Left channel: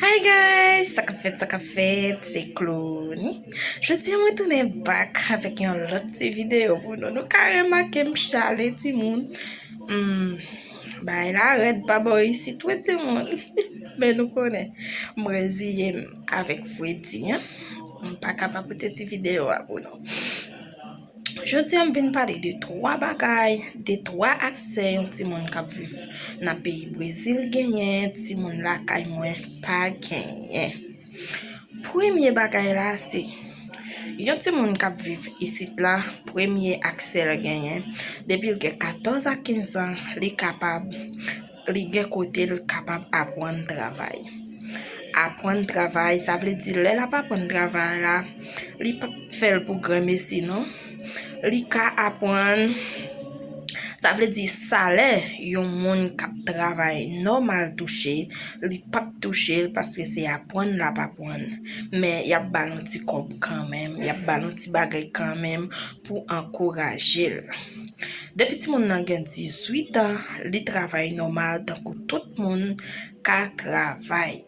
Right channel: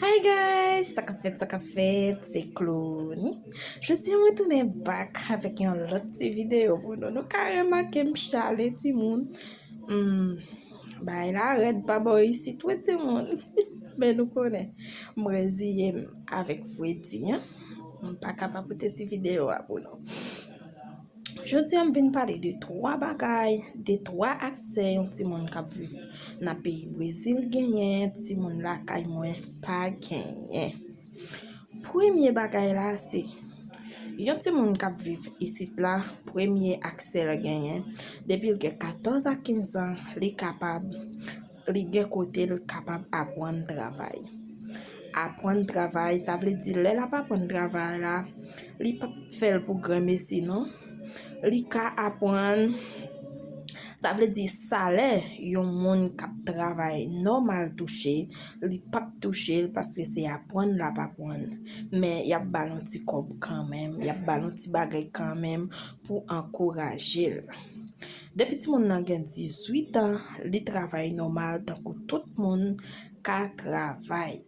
Hi guys, ça fait, c'est Clony. Je tiens à retourner back avec une autre vidéo pour nous. Nous carrément que m'chale ti moun. Bah il arrête pas boy ici tout ti moun. Mais nous connaît. Brésilien avec Freddy, hein. Pas capable de cette vidéo pour nous. Je tiens à venir parler de trois bagailles, de trois accès un petit monde qui vivent dans le pays Brésil gagné, petit monde là qui moins pas gagné. Premier bagaille là c'est un petit monde qui vivent ici là, premier accès le gagné depuis le 14 à 15 ans, il est capable d'apprendre travail. Apprendre travail, ça veut dire là pas apprendre travail là, il pas faire pour grand messi non. Li ka apprendre, ça veut dire salaire yon moun k'ap travail normal touché, li pas touché parce que c'est apprendre la pas apprendre, mais y a balon ti kob quand même, y a balon ti bagay quand même pour encourager. Depuis ti moun nan gen 18 ans, li travail normal tant que tout moun ka travail.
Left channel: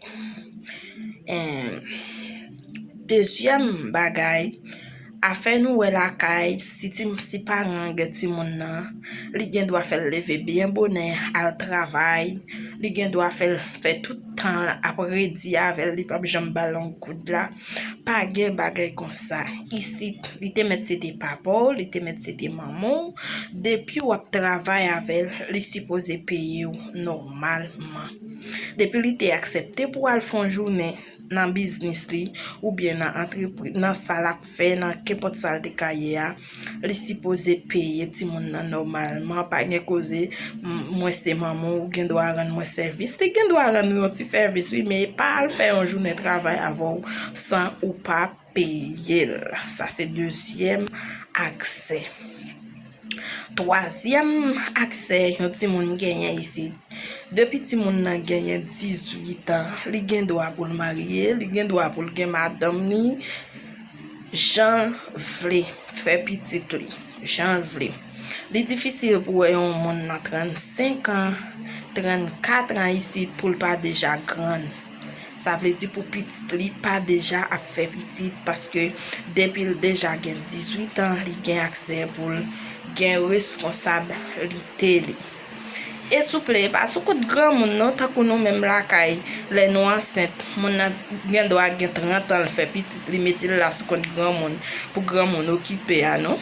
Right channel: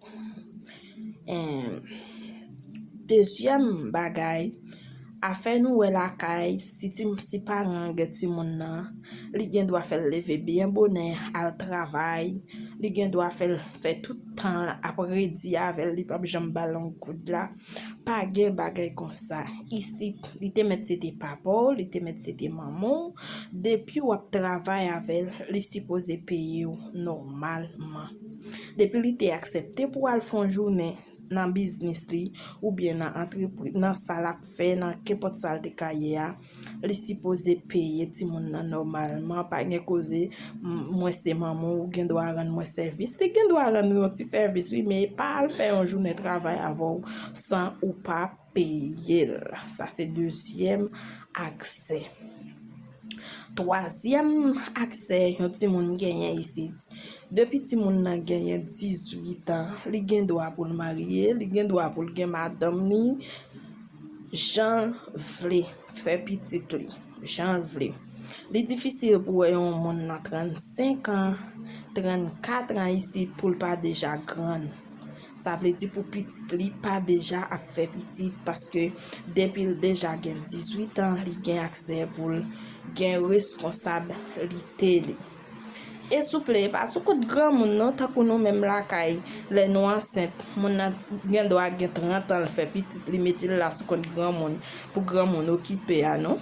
Deuxième bagay, afin nous la caille si parent gen ti moun nan li gen doit faire lever bien bonnet al travail li gen doit faire tout temps après di avec li pas jambe ballon coude là pas gen bagay comme ça ici li te mettre c'était papa li te mettre c'était maman depuis ou travail avec li supposé payer normalement depuis li te accepté pour al fond journée dans business li ou bien dans entreprise dans ça fait dans qu'importe ça de carrière li supposé payer ti moun nan normalement pas gen cause moi c'est maman ou gen doit rendre moi service li gen doit rendre un petit service oui mais pas faire un journée de travail avant sans ou pas payer ça c'est deuxième accès. Troisième accès yon ti moun gagné ici depuis ti moun nan gagné 18 ans li gen droit pour marier li gen droit pour gen madame ni Jean vle faire petite li Jean vle li difficile pour yon moun nan 35 ans 34 ans ici pour pas déjà grand. Ça veut dire pour petite li pas déjà à faire petite parce que depuis déjà gen 18 ans li gen accès pour gen responsabilité li. Et souple parce que grand moun non tant que nous même la kay les nous enceinte moun gen doit gen 30 ans faire petite li mettre là sous compte grand moun pour grand moun occuper non.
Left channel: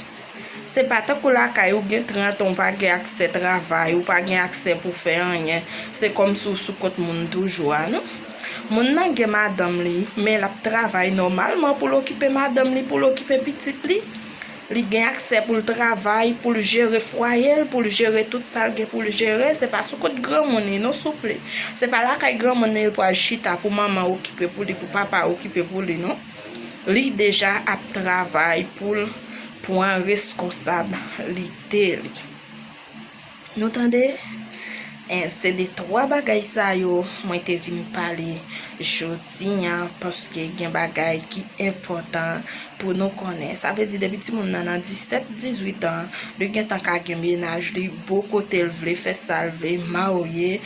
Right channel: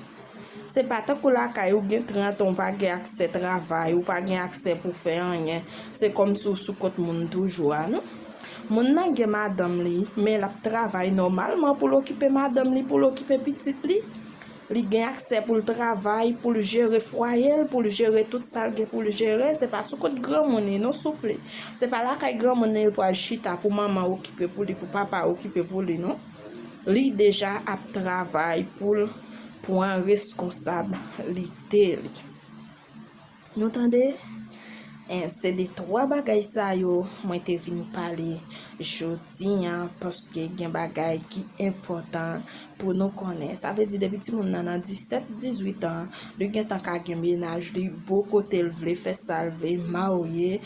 C'est pas tant que la kay ou gen 30 ans pas gen accès travail ou pas gen accès pour faire rien. C'est comme sous compte moun toujours non. Moun nan gen madame li mais la travail normalement pour l'occuper madame li pour l'occuper petite li. Li gen accès pour le travail, pour le gérer foyer, pour le gérer tout ça pour le gérer, c'est pas sous côté grand monde non souple. C'est pas là qu'il grand monde pour chita pour maman occuper pour lui, pour papa occuper pour lui non. Li déjà à travail pour un responsabilité. Nous entendez? C'est des trois bagailles ça yo moi te vinn parler jodi parce que gen bagay qui important pour nous connaître. Ça veut dire depuis ti moun nan 17 18 ans le gen tant ka gen ménage li beau côté vle faire salver marier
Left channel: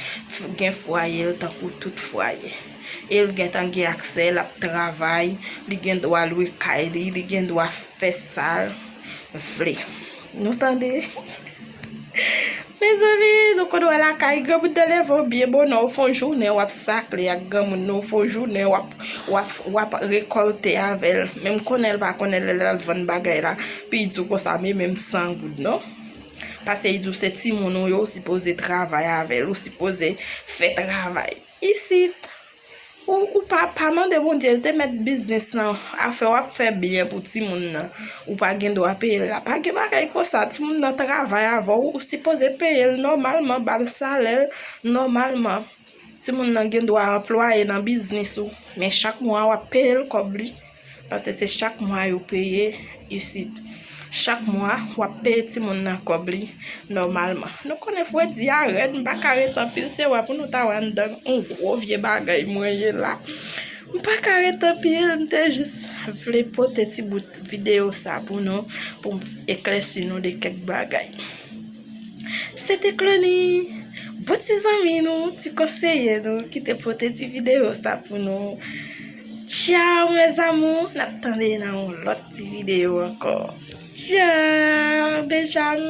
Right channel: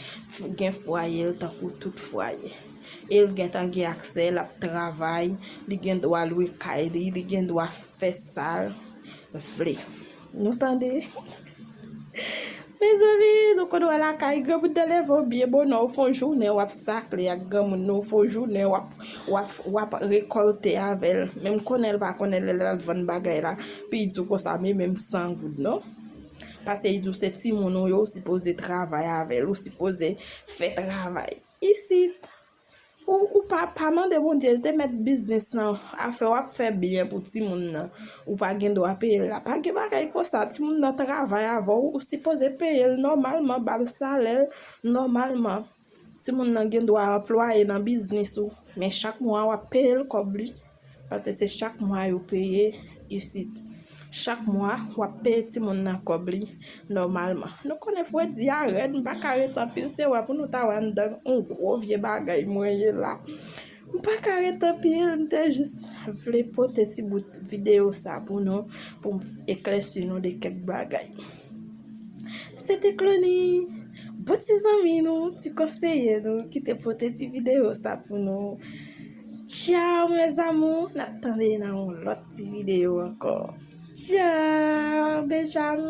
gen foyer tant que tout foyer il gen tant gen accès la travail li gen droit louer kay li gen droit faire ça vle. Nous entendez? Mes amis, donc on la caille grand de lever bien bon au fond journée ou sacle ya grand no fond journée ou récolter avec même connaît pas connaît la vendre bagay là puis dit comme ça même sans goût non parce que dit c'est ti moun yo supposé travailler avec ou supposé faire travail ici ou pas demander bon Dieu de mettre business nan à faire bien pour ti moun nan ou pas gen doit payer là pas gen bagay comme ça ti moun nan travail avant ou supposé payer normalement bal salaire normalement ti moun nan gen doit employer dans business ou mais chaque mois ou payer comme lui parce que c'est chaque mois yo payer ici chaque mois ou payer ti moun nan comme lui normalement nous connaît faut dire arrête pas carré tant pile c'est pour nous ta wan dans un gros vieux bagay moyen là pas carré tant pile m'était juste vle poter ti bout vidéo ça pour nous pour éclaircir nous de quelques bagay. C'était Clony. Bon ti zami nou, ti konseye nou, ki te pote ti video sa pou nou. Ciao mes amou, n'attendez nan lot ti video encore. Ciao, bejan.